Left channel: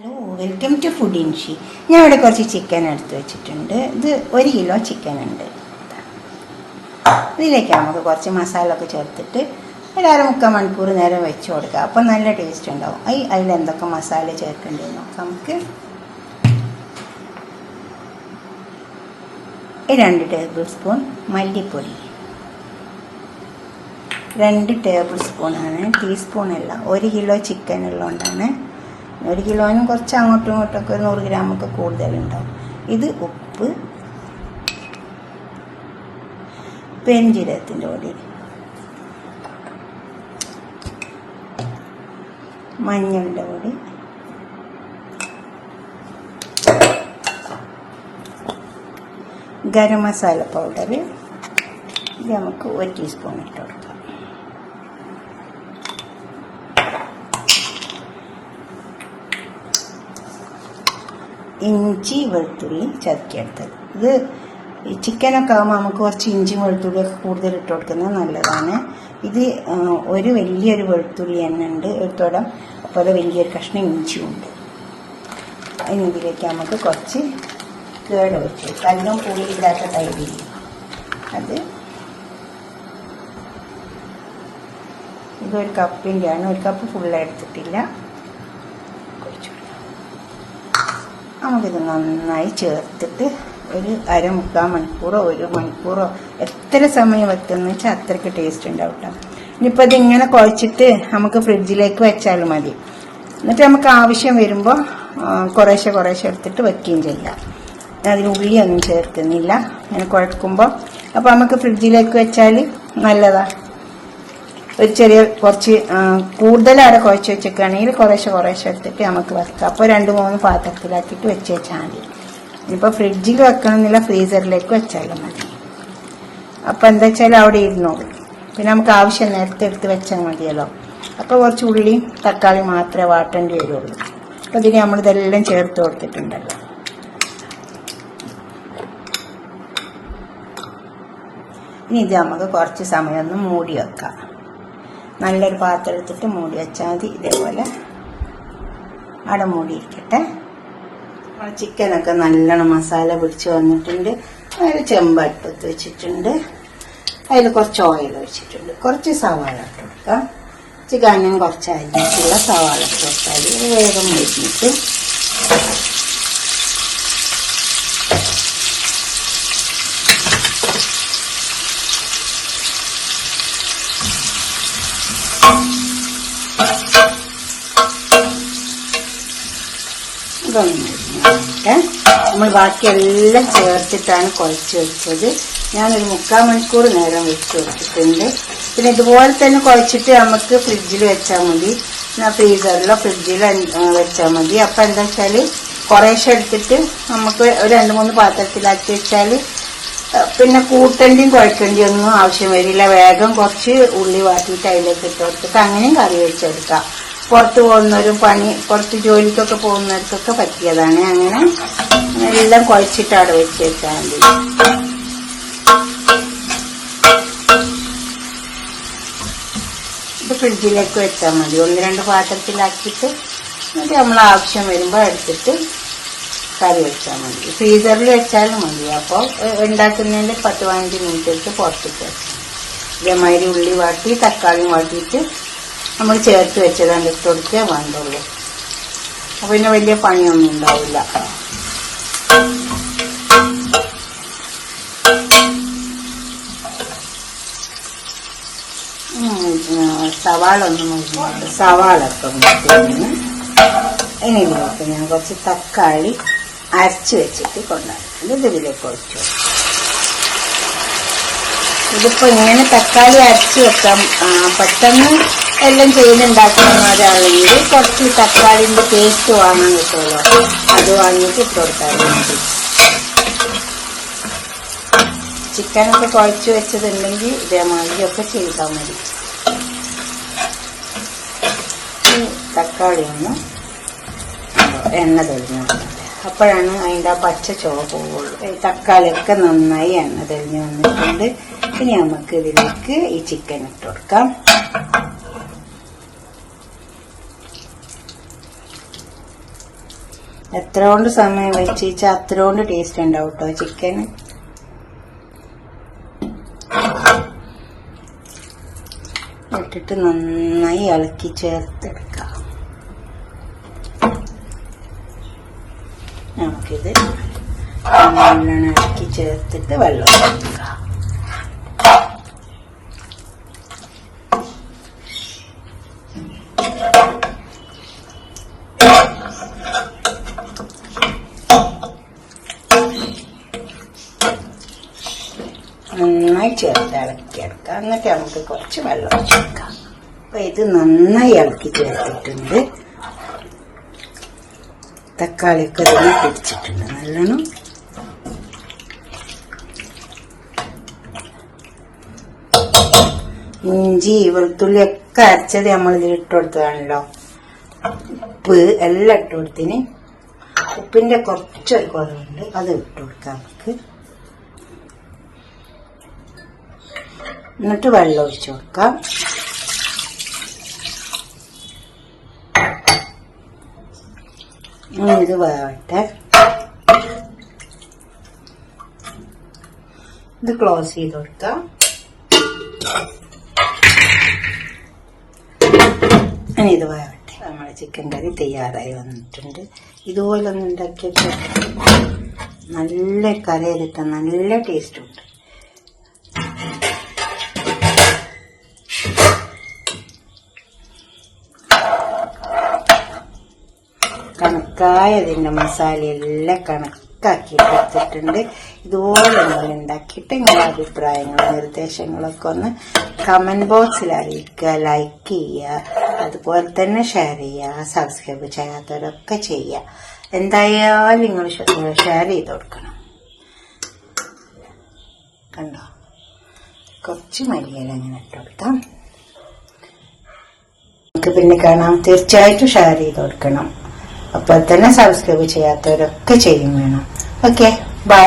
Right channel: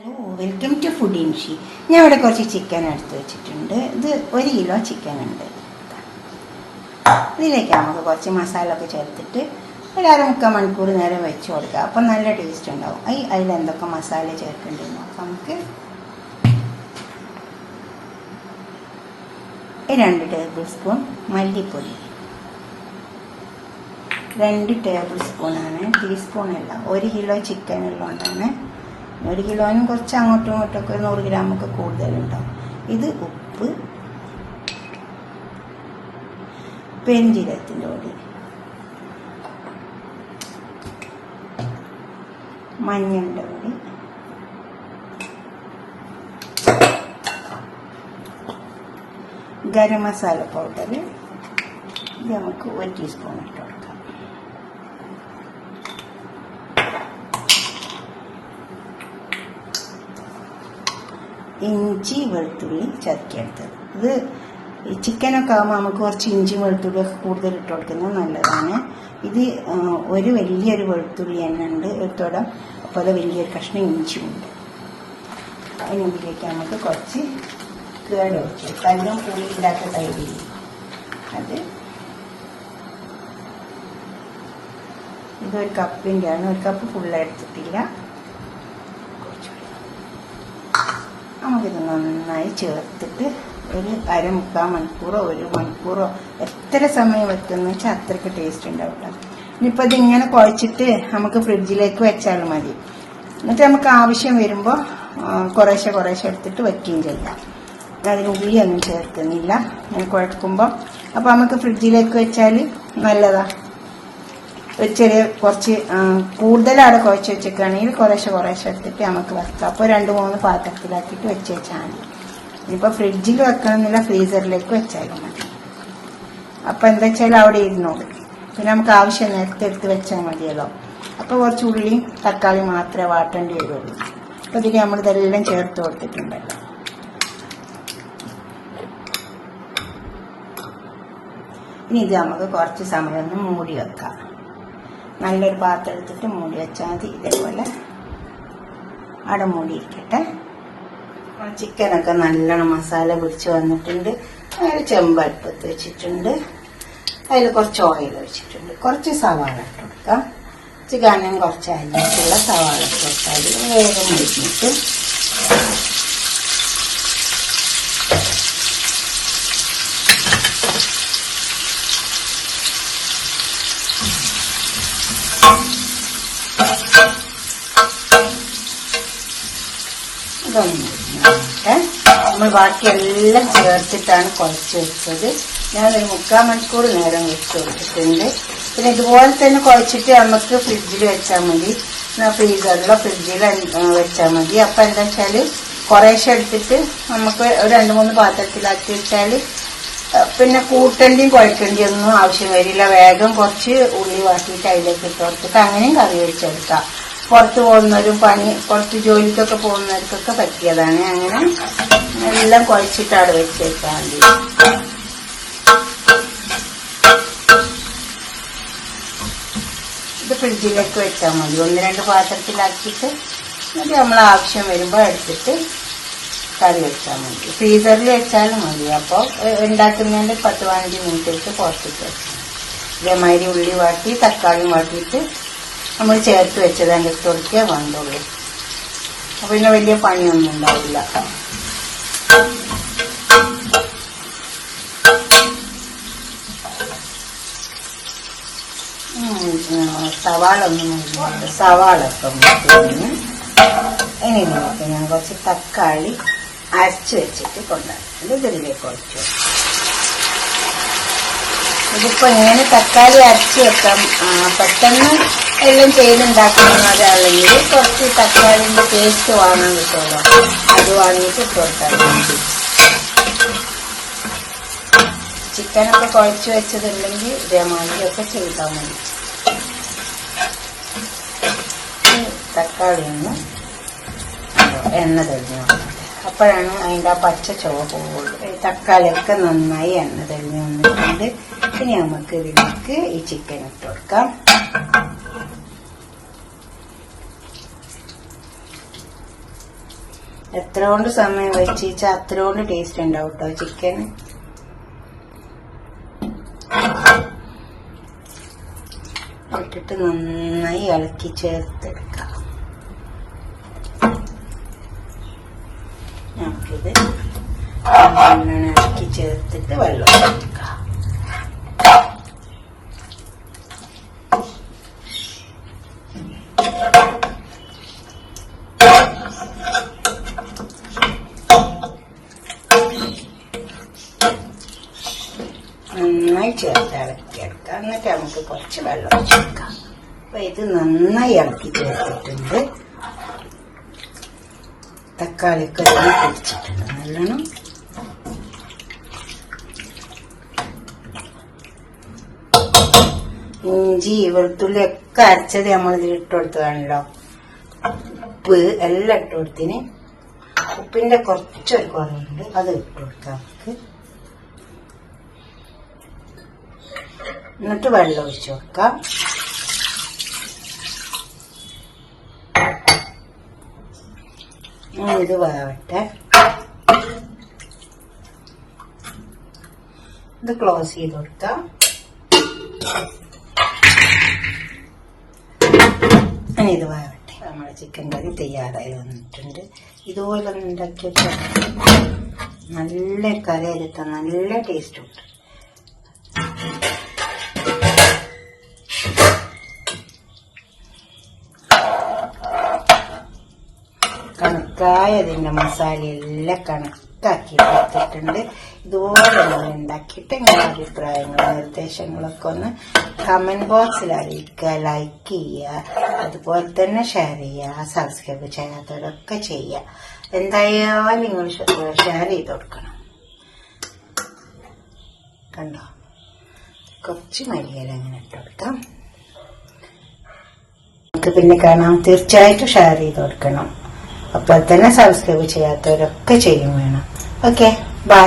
Hello, welcome to food ഇൻഷി. ഞാൻ ഇവിടെ കുറച്ച് ചിക്കൻ എടുത്ത് വെച്ചിട്ടുണ്ട്. ഇത് 1 കിലോ ചിക്കൻ ഉണ്ട്. ഇതിലേക്ക് നമുക്ക് കുറച്ച് മസാല ഒക്കെ ചേർത്തിട്ട് ഒരു 3/4 മണിക്കൂർ നേരം വെച്ച് കൊടുക്കുക. അപ്പം നല്ല ടേസ്റ്റ് ഉണ്ടാവും. അതിലെന്തൊക്കെ മസാല ചേർക്കേണ്ടത് നോക്കാം. നമുക്ക് 2 ടേബിൾ സ്പൂൺ മല്ലിപ്പൊടി, 2 ടേബിൾ സ്പൂണാണ്, ടീസ്പൂണല്ല. 1 കിലോ ചിക്കൻ ഉള്ളതുകൊണ്ടാണ്. 1 കിലോനും കുറച്ച് അങ്ങോട്ടും ഇങ്ങോട്ടൊക്കെ 100 ഗ്രാമൊക്കെ കൂടുതലുണ്ടാവും. ഇത് ഉപ്പ്, പെരുംജീരകത്തിൻ്റെ പൊടി, മഞ്ഞളുടെ പൊടി, ഗരം മസാല പൗഡർ. ഇത് നമുക്ക് 1 ടീസ്പൂൺ ഇട്ട് കൊടുക്കാം. ഇഞ്ചി വെളുത്തുള്ളി ചതക്കിയെടുത്തത്. ഇത് ഈ ചിക്കനൊക്കെ ആകുമ്പോൾ നമുക്ക് കുറച്ച് ഇഞ്ചി വെളുത്തുള്ളി കൂടുതൽ ഇട്ട് കൊടുക്കുന്നത് നല്ലതാണ്. ഇത് വലിയൊരു വെളുത്തുള്ളി തന്നെ ഉണ്ട്, എടുത്തോടാം. അതുപോലെ വലിയൊരു കഷ്ണം ഇഞ്ചിയുണ്ട്. അതിന് ഇതിലേക്ക് നമുക്ക് കുറച്ച് കേട് വെച്ച് കല്ലും പുളി ഇടാത്ത തൈര്, അത് ഇതൊരു കപ്പിൻ്റെ ആണ്. 1 കപ്പ് ഫുള്ള് എടുത്തിട്ടില്ല. നമുക്കിത് നന്നായി ചേർത്തിട്ട് ഒരു 1/2 മണിക്കൂറോ 1 മണിക്കൂറോ എത്ര സമയം വെക്കുന്നത് വെച്ചാൽ അത്രയ്ക്ക് ടേസ്റ്റ് ഉണ്ടാവും കേട്ടോ. ഇനിയിപ്പോൾ ഇതിങ്ങനെ കുഴച്ചിട്ട് നമുക്ക് ഫ്രിഡ്ജിലേക്ക് വെച്ചാൽ മതി. എന്നിട്ട് നമുക്ക് ആവശ്യം വരുമ്പോൾ കുറേശ്ശെ എടുത്തിട്ട് വയ്ക്കുകയും ചെയ്യാം. അതിന് ഉള്ളിയൊന്നും ചേർക്കുന്നില്ല ഇങ്ങനെ കുഴക്കുമ്പോൾ. അപ്പോൾ നമുക്ക് ഫ്രിഡ്ജിലേക്ക് വെച്ചാൽ നല്ലതാണ്. ഒരു ചെറിയ കുറച്ച് കൂടുതലാണ് കുഴച്ച് വെച്ചേക്കുകയാണെങ്കിൽ കുറേശ്ശെ എടുത്തിട്ട് നമുക്ക് വെക്കാം. അപ്പോൾ 2-3 പാത്രത്തിലാക്കിയിട്ട് വെച്ച് വെച്ചാൽ മതി. ഇനിയിപ്പോൾ ഫ്രിഡ്ജിൽ വെക്കണമെന്നില്ല, ഫ്രീസറിലേക്ക് വെച്ചാലും മതി. അപ്പോൾ എന്താ വെച്ചാൽ അവിടെ ഇരുന്നോളും. പിന്നെ നമുക്ക് ആവശ്യം നേരത്തെ എടുത്ത് വെച്ചാൽ മതിയല്ലോ. അപ്പോൾ കുറച്ച് ഉള്ളി തക്കാളി മാത്രമേ വാട്ടേണ്ടി വരുള്ളൂ. അപ്പോൾ ഇതിന് നമ്മളിതെല്ലാം ചേർത്ത് കൊടുത്തിട്ടുണ്ടല്ലോ. ഇനി ഇത് നമുക്ക് കുറച്ച് സമയം ഒന്ന് മൂടി വെക്കാം. നല്ലൊരു പാത്രം എടുത്തിട്ട് മൂടി വെച്ചാൽ മതി. ഇതേപോലെ അവിടെ മൂടിയിരിക്കട്ടെ. ചിക്കനൊക്കെ നല്ലോണം മസാല പിടിച്ച് വന്നിട്ടുണ്ട്. അതിൽ ചെമ്പടുപ്പത്ത് വെച്ചിട്ടുണ്ട്. അതിൽ കുറച്ച് ഓയിൽ ഒഴിച്ചിട്ടുണ്ട്. കുറച്ച് സവാള ഇട്ട് കൊടുക്കാം. ചിക്കനും കുറച്ച് അരിഞ്ഞിട്ടുള്ള സവാള ചേർത്താൽ വേഗം മുരിഞ്ഞിട്ട് നമ്മൾ ബാക്കിയെല്ലാം ചേർത്തിട്ടാണ് കുഴച്ച് വെച്ചത്. ഞാനൊരു 3/4 മണിക്കൂർ നേരം വെച്ച് കൊടുത്തിട്ടുണ്ട്. പിന്നെ ഇതുപോലെ തന്നെ കുഴച്ചിട്ട് നമുക്ക് ഫ്രിഡ്ജിൽ വെച്ചാൽ മതി. ഫ്രീസറിലോ ഫ്രിഡ്ജിലോ വെച്ചാൽ മതി. അപ്പം എന്താ വെച്ചാൽ കുറേശ്ശെ എടുത്തിട്ട് നമുക്ക് ഒരു 2-3 പാത്രത്തിലാക്കി വെച്ചാൽ പിന്നെ കൂട്ടണ്ടിയും കുഴക്കേണ്ടിയും ഒന്നും ആവശ്യം വരില്ല. വേഗം കുറച്ച് ഉള്ളി വാട്ടിയിട്ട് അതിലേക്ക് ഇട്ട് കൊടുത്തിട്ട് അങ്ങനെയും കറി വെച്ചെടുക്കാം. പുറത്ത് പോകുന്നവരും പുറത്ത് ജോലിക്കൊക്കെ പോകുന്നവർക്കൊക്കെ പറ്റിയതാണ്. അങ്ങനെ എല്ലാം കുഴച്ചിട്ട് അവിടെ വെച്ച് വെച്ചാൽ മതി. ഇത് ഫ്രിഡ്ജിലേക്ക് വെച്ചാൽ മതി. 1-2 പാത്രത്തിലാക്കിയിട്ട് എന്നിട്ട് നമ്മൾ ആവശ്യം വരുമ്പോൾ എടുത്തിട്ട് കറി വെച്ചാൽ മതി. ഫ്രീസറിൽ വെച്ചാലും മതി. അപ്പോൾ ഉണ്ടാക്കുന്നതിൻ്റെ 10-15 മിനിറ്റ് വെച്ച് പുറത്തേക്ക് വെച്ചാൽ ഇതേമാതിരി ഉള്ളി വാട്ടി തക്കാളിയും വാട്ടിയിട്ട് നമ്മൾ ചേർത്ത് വെച്ചത് അതിൻ്റെ ഇട്ട് കൊടുക്കുക വേണ്ടുള്ളൂ. അപ്പോൾ പിന്നെ വലിയ പണിയൊന്നും ഉണ്ടാവില്ല. സവാള ഒന്നും സവാളൊക്കെ ഒന്ന് ഇനിയിലേക്ക് ഞാൻ കുറച്ച് തക്കാളി അരച്ച് വെച്ചിട്ട് കൊണ്ടുവരുന്നത് ഇതിലേക്ക് ഒഴിച്ചു. ഇതിപ്പോൾ ഇങ്ങനെ തക്കാളി അരച്ച് വെക്കാം. പെട്ടെന്ന് എല്ലാം ചെയ്തുണ്ടാക്കുന്നവരാണെങ്കിൽ കുറച്ച് തക്കാളിൻ്റെ പേസ്റ്റ് വാങ്ങി കിട്ടുമല്ലോ, അത് വാങ്ങിയിട്ട് ഇട്ട് കൊടുത്താൽ മതി. ചിക്കനൊക്കെ കുഴച്ച് വെച്ചതുണ്ടെങ്കിൽ ഇതേമാതിരിയൊക്കെ ചെയ്താൽ മതി. തക്കാളി ഒന്ന് എണ്ണ തെളിഞ്ഞു വന്നത്, അപ്പോഴാണ് അതിൻ്റെ ആ പച്ച ചുവ പോവുള്ളൂ. തക്കാളിയൊക്കെ നന്നായി എണ്ണ തെളിഞ്ഞു വന്നിട്ടുണ്ട്. ഇനി നമുക്ക് ഇതിലേക്ക് ഈ ചിക്കൻ ഇട്ട് കൊടുക്കാം. എത്ര കൊണ്ട് സമയം വെച്ചാൽ അത്ര കൊണ്ട് ടേസ്റ്റ് ഉണ്ടാവും കേട്ടോ ചിക്കന്. ഇട്ടിട്ട് നന്നായി ഇളക്കി ചേർത്തെടുക്കാം. നമുക്കിത് നല്ലോണം ഇളക്കി ചേർത്തിട്ട് വെള്ളം ഒഴിക്കാം. നന്നായി ചേർത്ത് ഇളക്കിയെടുക്കാം. എന്നിട്ട് നമുക്ക് കുറച്ച് വെള്ളം ഒഴിച്ചെടുക്കാം. അപ്പൊ ഇത് നന്നായി ഇളക്കി ചേർത്തിട്ടുണ്ട്. തക്കാളിയൊക്കെ ഇതിന് പിടിച്ചിട്ടുണ്ട് നല്ലോണം. ഇഞ്ചി വെളുത്തുള്ളി ഒക്കെ അരച്ചത് നമ്മൾ ഇതിൽ ഇട്ട് കൊടുത്തതാണല്ലോ. ഉപ്പ് എല്ലാം ഇട്ട് കൊടുത്തിന്. ഉപ്പിന്റെ കുറച്ചൊരു കുറവുണ്ട്, അത് ഇട്ട് കൊടുക്കാം നമുക്ക്. എന്നിട്ട് വെള്ളം ഒഴിച്ചു വെക്കാം. ഇത് വേവട്ടെ. ഇത് ക്ലോസ് ചെയ്ത് കൊടുക്കാം. ഇനി ഇത് വേവട്ടെ. നമ്മുടെ ചിക്കൻ കറി തയ്യാറായി വന്നിട്ടുണ്ട്. ഇതുപോലെ ഒന്ന് ഉണ്ടാക്കിയിട്ട് നല്ല കറിയിലിട്ട നല്ല ടേസ്റ്റ് ഉണ്ട്. കണക്കായ അതിൻ്റെ മസാലയെല്ലാം കണക്കാക്കി എടുത്തിട്ടുണ്ട്. ഇതുപോലെ നമ്മൾ ഉണ്ടാക്കിയിട്ട് നിങ്ങളുടെ അഭിപ്രായങ്ങളും നിർദ്ദേശങ്ങളൊക്കെ ഒന്ന് കമന്റ് ബോക്സിൽ അറിയിക്കുക, ലൈക്ക് ചെയ്യുക, അതുപോലെ തന്നെ ഷെയർ ചെയ്യുക. സബ്സ്ക്രൈബ് ചെയ്യാത്തവരൊക്കെ ചെയ്യുക. എന്തായാലും നിങ്ങൾ ഷെയർ ചെയ്ത് കൊടുക്കണം. കണ്ടോ, കുറച്ച് മല്ലിയില അങ്ങനെ ഇട്ട് കൊടുക്കാം. നമുക്ക് പിന്നെ കാണാം. തീർച്ചയായിട്ടും ഷെയർ ചെയ്ത് കൊടുക്കണം. അപ്പോൾ തന്നെ സബ്സ്ക്രൈബ് ചെയ്യാത്തവരൊക്കെ ചെയ്യും വേണം. Okay, by.